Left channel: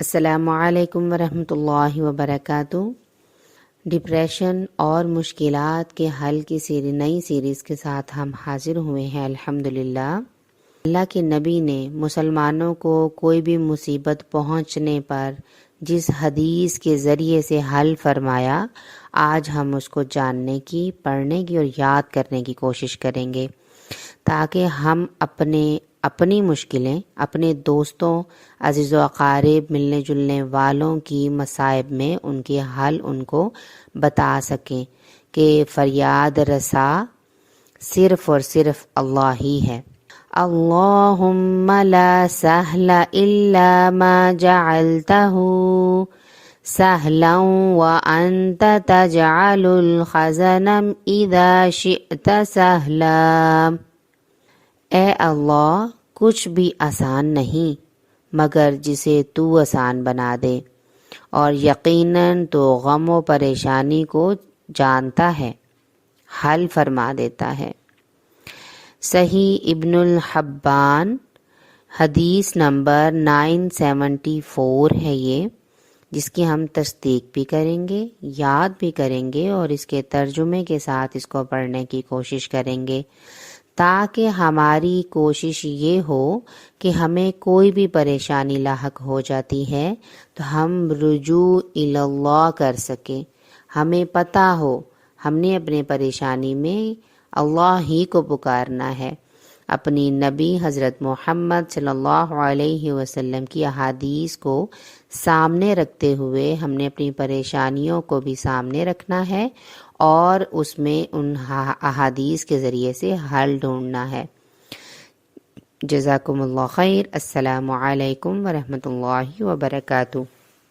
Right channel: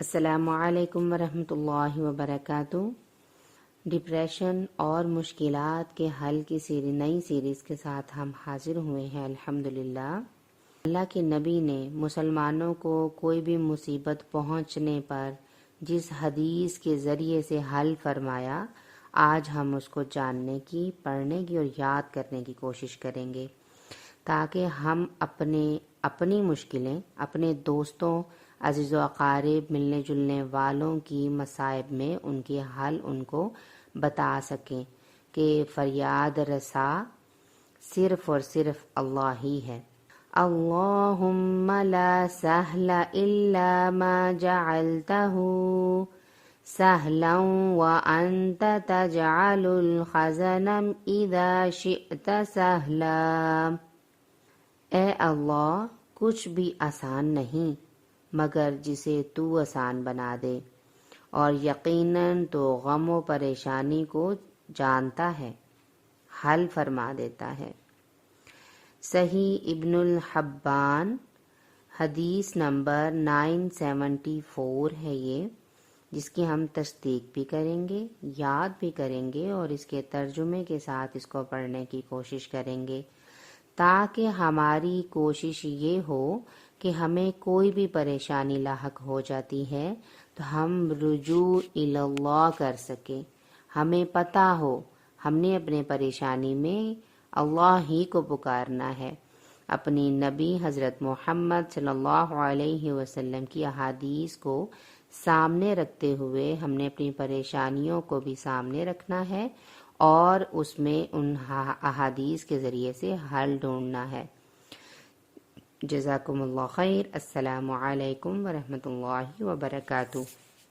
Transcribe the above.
السلام علیکم ورحمۃ اللہ وبرکاتہ۔ ڈپریشن اور مشکلات کے حل کی نئی سیریز کے ساتھ ہم حاضر ہوئے ہیں الحمدللہ۔ اللہ کے نبی نے مسلمانوں کو کوئی بھی مصیبت پہنچنے پر جس حدیث کے ذریعے سے حل فرمایا، آج ہم اس کو جاننے کی، پڑھنے کی اور یاد کرنے کی کوشش کریں گے، تاکہ ہم اپنی مشکلیں اپنے دوستوں، عزیز و اقارب، ملنے جلنے والوں کی مصائب میں ان کے حل ان کو بتا سکیں کہ فریاد رسا صرف اور صرف اللہ ہی ہے۔ اللہم لا سہل الا ما جعلتہ سہلا وانت تجعل الحزن اذا شئت سہلا۔ اے اللہ، کچھ بھی آسان نہیں مگر جسے تو آسان بنا دے، اور یقیناً تو غم و پریشانی کو جانتا ہے، حل فرما دیتا ہے۔ صحیح ابن الحبان حدیث نمبر 974 ہے یہ، جس کی ہم تصدیق بھی کریں گے، یاد بھی کریں گے اور اس کے ترجمے کے ساتھ اس کو پڑھنے کی کوشش کریں گے، تاکہ ہماری کوشش یہ ہو کہ ہمیں کوئی بھی پریشانی لاحق ہو جاتی ہے تو ہم رجوع اللہ کر سکیں، ہمیں پتہ ہو ہم نے اپنے پریشانی میں اللہ ہی کو پکارنا ہے۔ اپنی نبی حضرت محمد صلی اللہ علیہ وسلم کی احادیث کو سامنے رکھتے ہوئے ہم نے اپنی پریشانیوں کو بھی سامنے رکھنا ہے اور اس میں ان احادیث کے ذریعے سے حل ڈھونڈنا ہے۔ جزاکم اللہ خیر۔ السلام علیکم ورحمۃ اللہ وبرکاتہ۔